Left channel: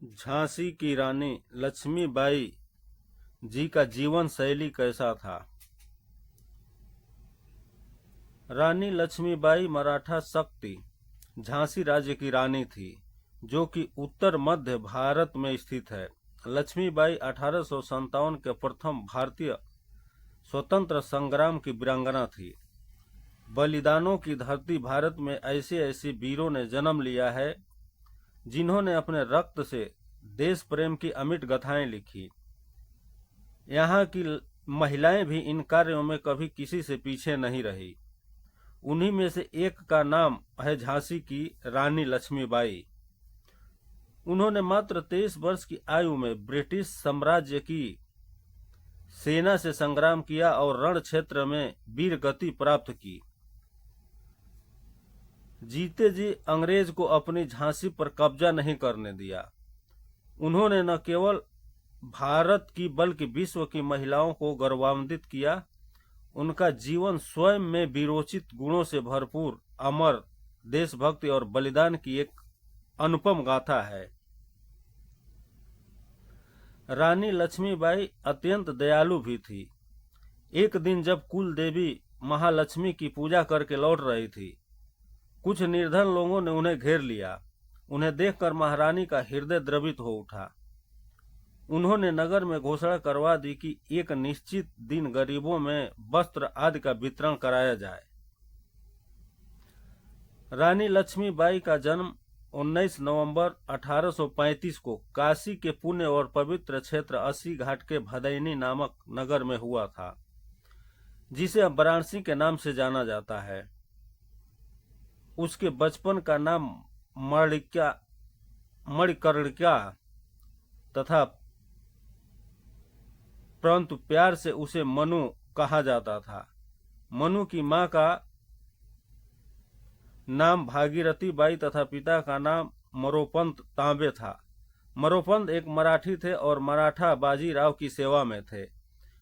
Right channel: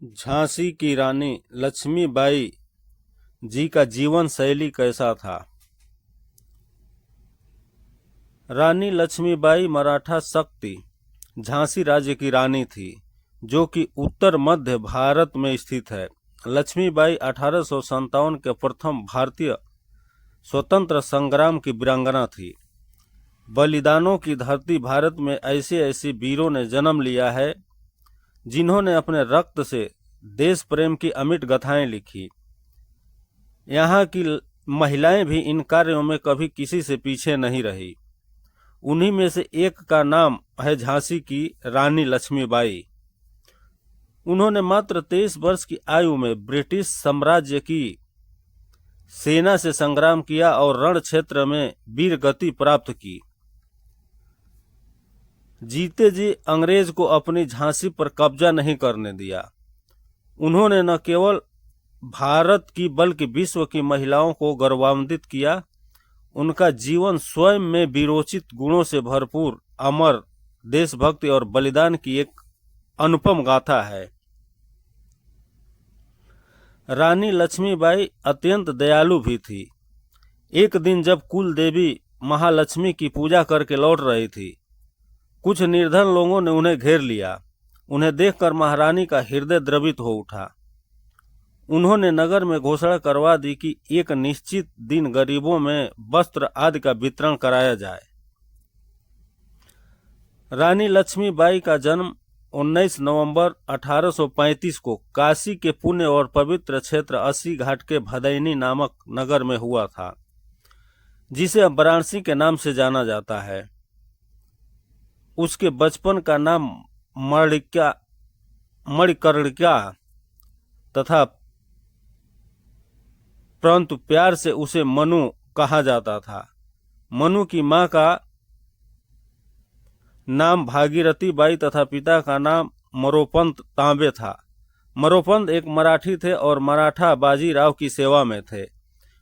झांसी की रानी लक्ष्मीबाई जी का जीवन शैली कैसा था। रानी लक्ष्मीबाई मराठा शक्ति झांसी राज्य की रानी थी, जो कि उत्तर मध्य भारत में स्थित है। लक्ष्मीबाई 1857 के प्रथम भारतीय स्वतंत्र संग्राम की वीरांगना थी। बलिदानों की धरती भारत में ऐसे ऐसे वीरों ने जन्म लिया है, जिन्होंने अपने रक्त से देश प्रेम की अमिट गाथाएं लिखी। यहाँ की महिलाएं भी इन कार्यों में कभी किसी से पीछे नहीं रही। उन्हीं में से एक का नाम है झांसी की रानी लक्ष्मीबाई। उन्होंने मात्र 23 वर्ष की आयु में ब्रिटिश साम्राज्य की सेना से संग्राम किया और रण क्षेत्र में वीर गति प्राप्त की। जीते जी अंग्रेज को अपनी झांसी पर कब्जा नहीं करने दिया। उन्होंने न केवल भारत की बल्कि विश्व की महिलाओं को गौरवान्वित किया। उनका जीवन स्वयं में वीरोचित गुणों से भरपूर, अमर देशभक्ति और बलिदान की एक अनुपम गाथा है। रानी लक्ष्मीबाई अत्यंत दयालु भी थी। एक दिन जब कुल देवी महालक्ष्मी की पूजा करके लौट रही थी, कुछ निर्धन लोगों ने उन्हें घेर लिया। उन्हें देखकर महारानी का हृदय द्रवित हो उठा। उन्होंने नगर में घोषणा करवा दी कि एक निश्चित दिन गरीबों में वस्त्र आदि का वितरण कराया जाए। रानी लक्ष्मीबाई का जन्म 19 नवंबर 1835 को काशी के पुण्य और पवित्र क्षेत्र अस्सी घाट के भदैनी नामक नगर में हुआ था, जिसे अब वाराणसी के नाम से जाना जाता है। उसके बचपन का नाम मणिकर्णिका तथा परंतु प्यार से उसे मनु कहा जाता था। मनु की मां का नाम भागीरथी बाई तथा पिता का नाम मरोपंत तांबे था। मरोपंत एक मराठी थे और मराठा बाजीराव की सेवा में थे।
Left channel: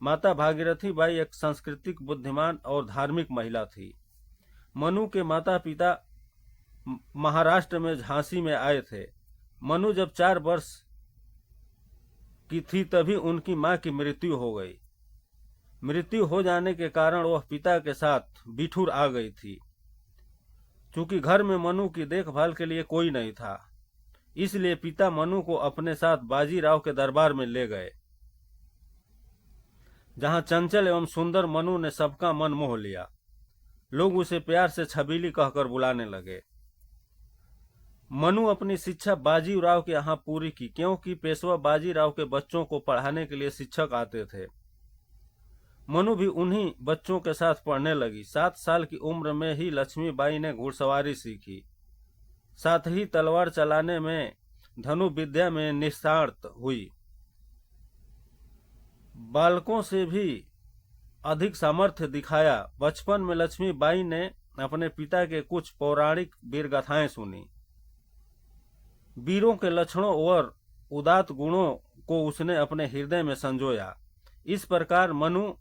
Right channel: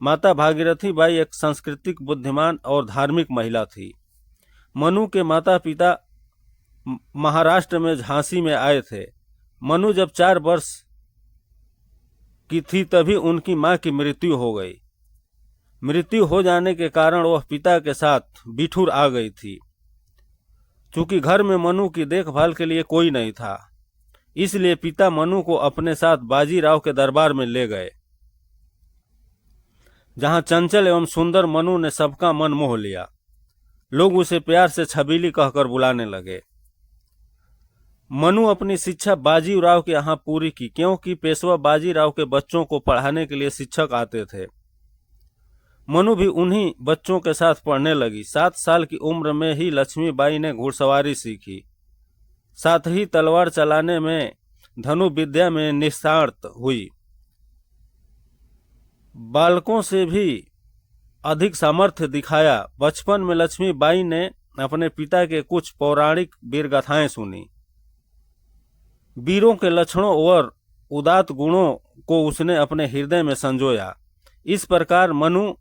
माता भागीरथी बाई एक सांस्कृतिक, बुद्धिमान और धार्मिक महिला थी। मनु के माता पिता महाराष्ट्र में झांसी में आए थे। मनु जब 4 वर्ष की थी तभी उनकी मां की मृत्यु हो गई। मृत्यु हो जाने के कारण वह पिता के साथ बिठूर आ गई थी। चूंकि घर में मनु की देखभाल के लिए कोई नहीं था, इसलिए पिता मनु को अपने साथ बाजीराव के दरबार में ले गए, जहां चंचल एवं सुंदर मनु ने सबका मन मोह लिया। लोग उसे प्यार से छबीली कहकर बुलाने लगे। मनु अपनी शिक्षा बाजीराव के यहाँ पूरी की, क्योंकि पेशवा बाजीराव के बच्चों को पढ़ाने के लिए शिक्षक आते थे। मनु भी उन्हीं बच्चों के साथ पढ़ने लगी। 7 साल की उम्र में ही लक्ष्मीबाई ने घुड़सवारी सीखी, साथ ही तलवार चलाने में, धनु विद्या में निष्णात हुई। बालकों से भी अधिक सामर्थ्य दिखाया। बचपन में लक्ष्मीबाई ने अपने पिता के कुछ पौराणिक वीरगाथाएं सुनी। वीरों के लक्षणों और उदात्त गुणों को उसने अपने हृदय में संजोया। इस प्रकार मनु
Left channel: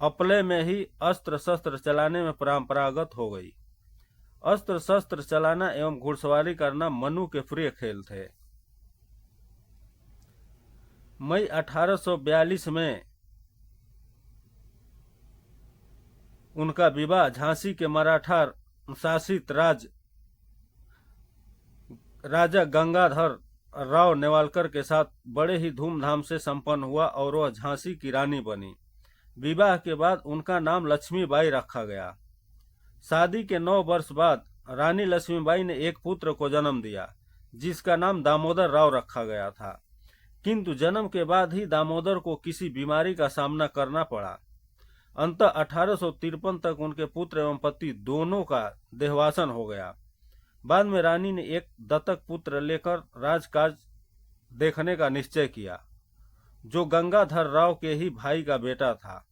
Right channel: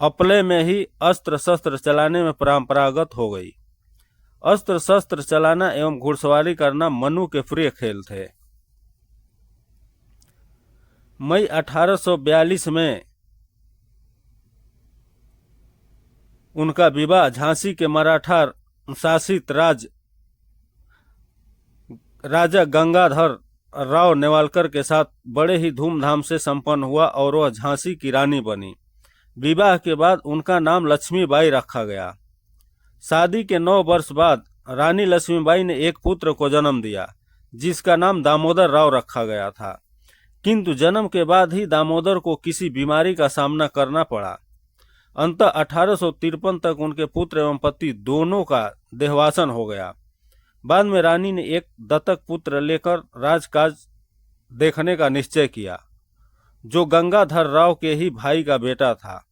अपले में ही अस्त्र शस्त्र चलाने में परंपरागत हो गई। अस्त्र शस्त्र चलाना एवं घुड़सवारी करना मनु के प्रिय खेल थे। मई 1842 में उनका विवाह झांसी के मराठा शासित राजा गंगाधर राव नेवालकर के साथ बड़े ही धूमधाम से संपन्न हुआ और वह झांसी की रानी बनी। विवाह के बाद उनका नाम लक्ष्मीबाई रखा गया। शादी के 9 वर्ष बाद रानी लक्ष्मीबाई ने एक पुत्र को जन्म दिया, जिसका नाम दामोदर राव रखा गया था। किंतु जन्म के बाद ही दामोदर को किसी बीमारी का सामना करना पड़ा। अंततः 1853 तक उनके पुत्र एवं पति दोनों का देहावसान हो गया। बाद में रानी ने एक दत्तक पुत्र लेकर राजकाज देखने का निश्चय किया, जो गंगाधर राव के ही भाई का बेटा था।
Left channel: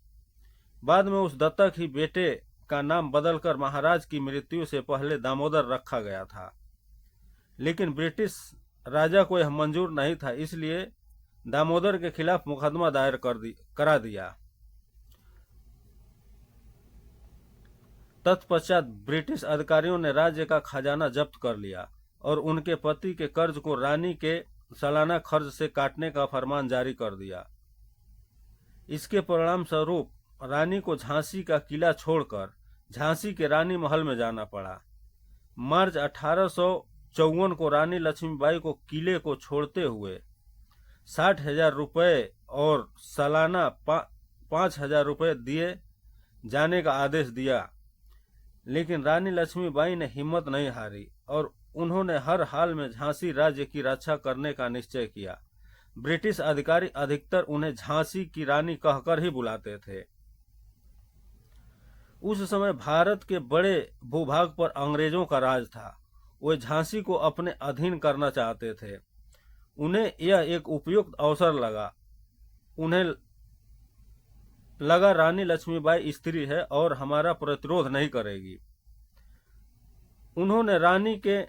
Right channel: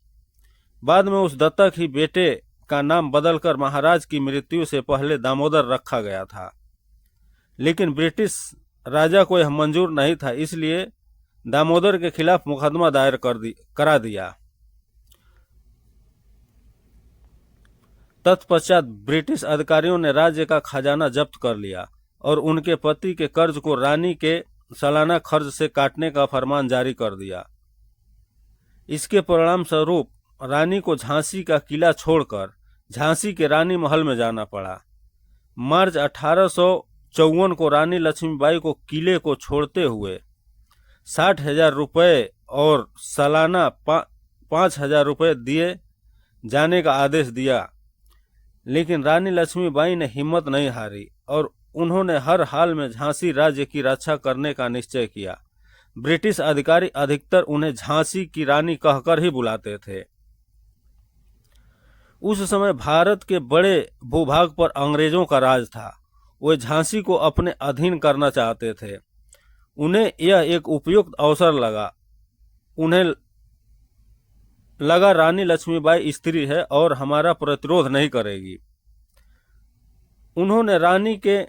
बाद में उस दत्तक ही बेटे का नाम बदलकर महाराज की मृत्यु से पहले दामोदर रखा गया था। लेकिन ब्रिटिश राजा को यह मंजूर नहीं था, इसलिए दामोदर के खिलाफ मुकदमा दायर करा दिया। तत्पश्चात ब्रिटिश अधिकारियों ने राज्य का खजाना जब्त कर लिया और उनके पति के कर्ज को रानी के सालाना खर्च से काटने का फरमान जारी कर दिया। इसके परिणाम स्वरूप रानी को झांसी का किला छोड़कर झांसी के रानी महल में जाना पड़ा। मार्च 1854 को रानी लक्ष्मीबाई को किले को छोड़ते हुए 60,000 रुपये और सालाना 5,000 रुपये दिए जाने का आदेश दिया, लेकिन रानी लक्ष्मीबाई ने हिम्मत नहीं हारी और उन्होंने हर हाल में झांसी राज्य की रक्षा करने का निश्चय किया। ब्रिटिश अधिकारी अधिकतर उन्हें झांसी की रानी कहकर ही बुलाते थे। उस समय भारत के बड़े भूभाग पर अंग्रेजों का राज था। वे झांसी को अपने अधीन करना चाहते थे। उन्हें यह एक उपयुक्त अवसर लगा। उन्हें लगा रानी लक्ष्मीबाई स्त्री है और हमारा प्रतिरोध नहीं करेगी। उन्होंने रानी के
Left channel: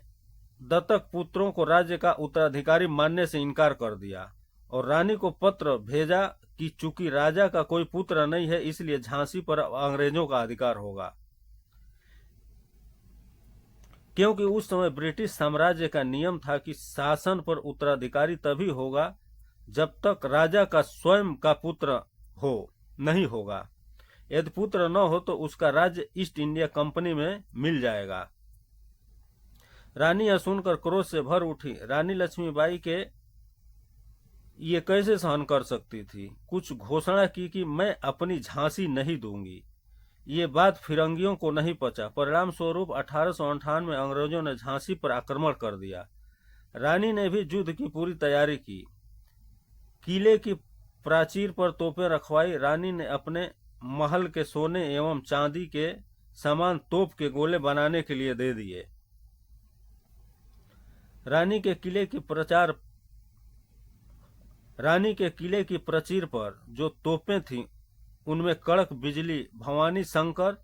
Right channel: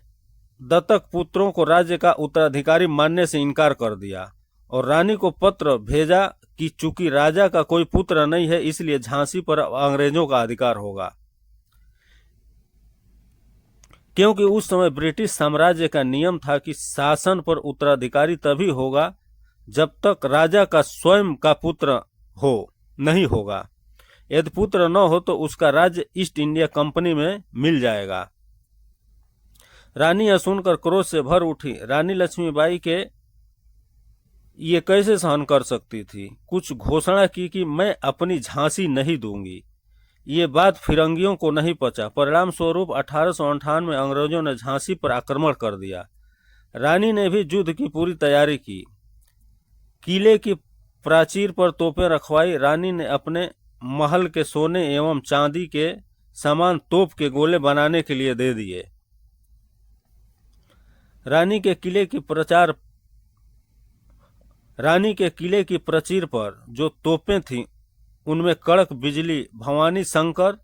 दत्तक पुत्रों को राज्य का उत्तराधिकारी मानने से इनकार कर दिया और रानी को पत्र भेजा कि चूंकि राजा का कोई पुत्र नहीं है, इसलिए झांसी पर अंग्रेजों का अधिकार होगा। क्योंकि उस समय ब्रिटिश साम्राज्य का नियम था कि शासन पर उत्तराधिकारी तभी होगा जब तक राजा का स्वयं का पुत्र नहीं होगा। यदि पुत्र न हो तो उसका राज्य ईस्ट इंडिया कंपनी में मिल जाएगा। रानी यह सुनकर क्रोध से भर उठी। रानी लक्ष्मीबाई के ये कैसे सहन कर सकती थी। कुछ घोषणा की कि मैं अपनी झांसी नहीं दूंगी। ये बात फिरंगियों को नहीं पचा। परिणाम स्वरूप 1858 में अंग्रेजों ने झांसी पर आक्रमण कर दिया। रानी ने भी युद्ध की पूरी तैयारी की। किले की प्राचीर पर तोपें रखवाई। रानी ने अपने महल के सोने एवं चांदी के सामान तोप के गोले बनाने के लिए दे दिए। रानी के किले की प्राचीर पर जो तोपें थीं उनमें कड़क बिजली, भवानी शंकर,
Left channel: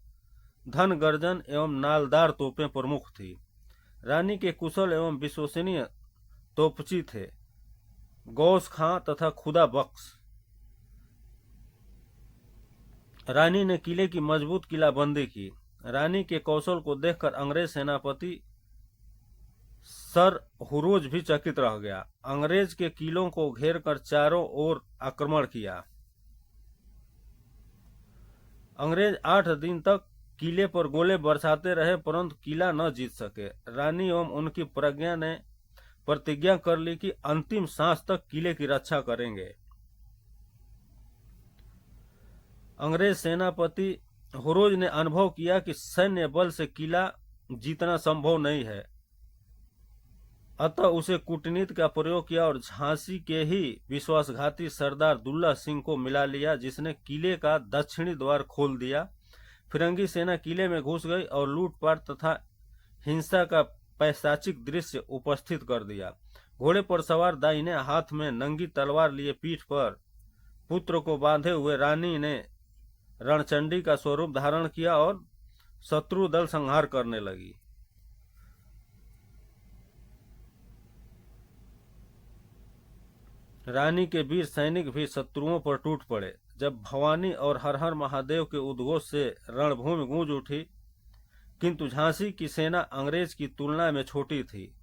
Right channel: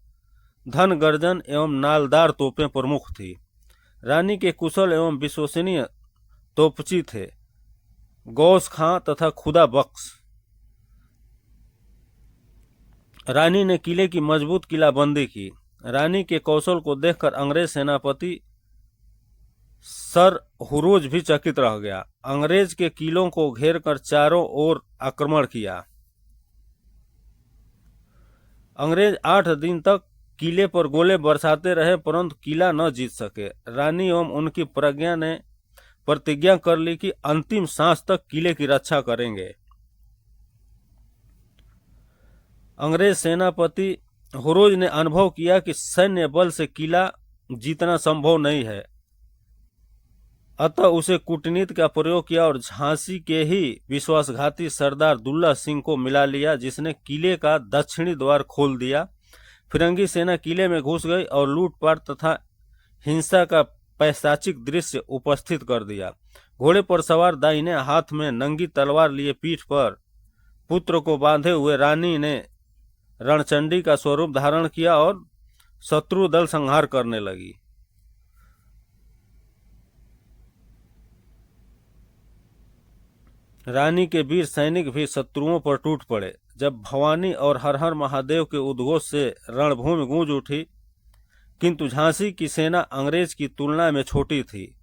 धन गर्जन एवं नालदार तोपें प्रमुख थी। रानी के कुशल एवं विश्वसनीय तोपची थे गौस खां तथा खुदा बख्श। रानी ने किले की मजबूत किलाबंदी की। रानी के कौशल को देखकर अंग्रेज सेनापति सर हुरोज भी चकित रह गया। अंग्रेज के किलों को घेरकर चारों ओर आक्रमण किया। अंग्रेज 8 दिन तक किले पर गोले बरसाते रहे, परंतु किला न जीत सके। रानी एवं उनकी प्रज्ञा ने प्रतिज्ञा कर ली कि अंतिम सांस तक किले की रक्षा करेंगे। अंग्रेज सेनापति हुरोज ने अनुभव किया कि सैन्य बल से किला जीतना संभव नहीं है, अतः उसे कूटनीति का प्रयोग किया और झांसी के ही विश्वासघाती सरदार दुल्ला सिंह को मिला लिया, जिसने किले का दक्षिणी द्वार खोल दिया। फिरंगी सेना किले में घुस गई और लूटपाट तथा हिंसा का पैशाचिक दृश्य उपस्थित कर दिया। घोड़े पर सवार दाहिने हाथ में नंगी तलवार लिए पीठ पर पुत्र को बांधे हुए रानी ने रणचंडी का स्वरूप धारण किया और शत्रु दल संहार करने लगी। रानी के वीर सैनिक भी शत्रुओं पर टूट पड़े। जब भवानी और हर हर महादेव के उद्घोष से रणभूमि गूंज उठी, किंतु झांसी की सेना अंग्रेज की तुलना में छोटी थी।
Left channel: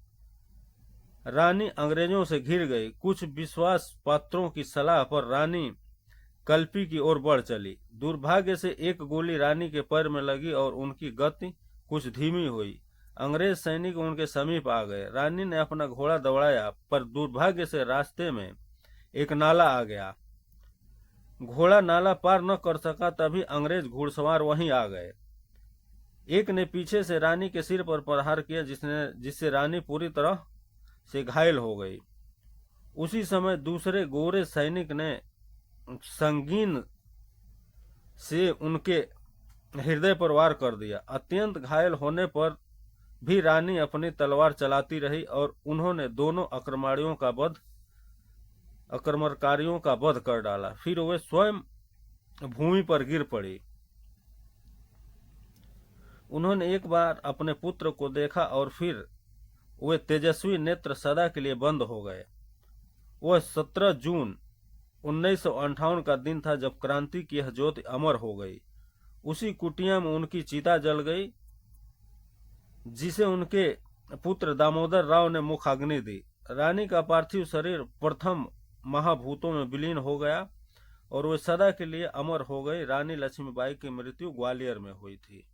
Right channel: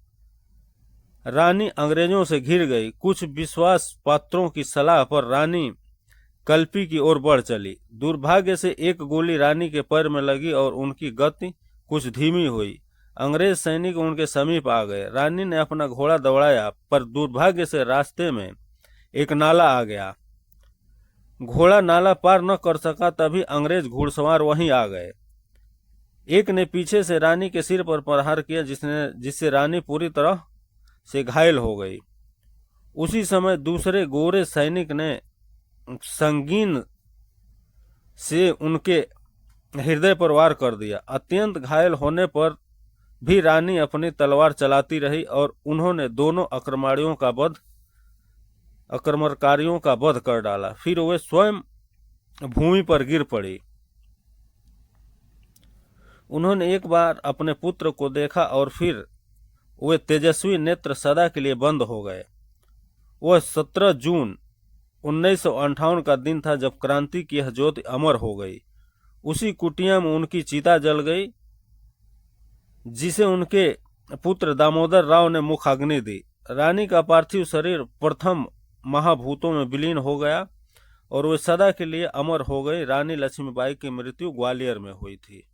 रानी अंग्रेजों से घिर गई। कुछ विश्वास पात्रों की सलाह पर रानी कल्पी की ओर बढ़ चली। दुर्भाग्य से एक गोली रानी के पैर में लगी और उनकी गति कुछ धीमी हुई। अंग्रेज सैनिक उनके समीप आ गए। रानी ने अपना घोड़ा दौड़ाया, पर दुर्भाग्य से रास्ते में एक नाला आ गया। घोड़ा नाला पार न कर सका, तभी अंग्रेज घुड़सवार वहीं आ गए। एक ने पीछे से रानी के सिर पर प्रहार किया, जिससे रानी पूरी तरह से घायल हो गई। उसी समय दूसरे गोरे सैनिक ने संगीन से उनके हृदय पर वार कर दिया। अत्यंत घायल होने पर भी रानी अपनी तलवार चलाती रही और उन्होंने दोनों आक्रमणकारियों का वध कर डाला। फिर वे स्वयं भूमि पर गिर पड़ी। उन्होंने एक बार अपने पुत्र को देखा और फिर वे तेजस्वी नेत्र सदा के लिए बंद हो गए। वह 17 जून 1958 का दिन था जब क्रांति की यह ज्योति अमर हो गई। उसी कुटिया में उनकी चिता जल गई, जिसे उनके पुत्र दामोदर राव ने मुखाग्नि दी। रानी का पार्थिव शरीर प्रथम महाभूतों में विलीन हो गया और वे सदा के लिए अमर हो गई। रानी लक्ष्मीबाई की मृत्यु ग्वालियर में हुई थी।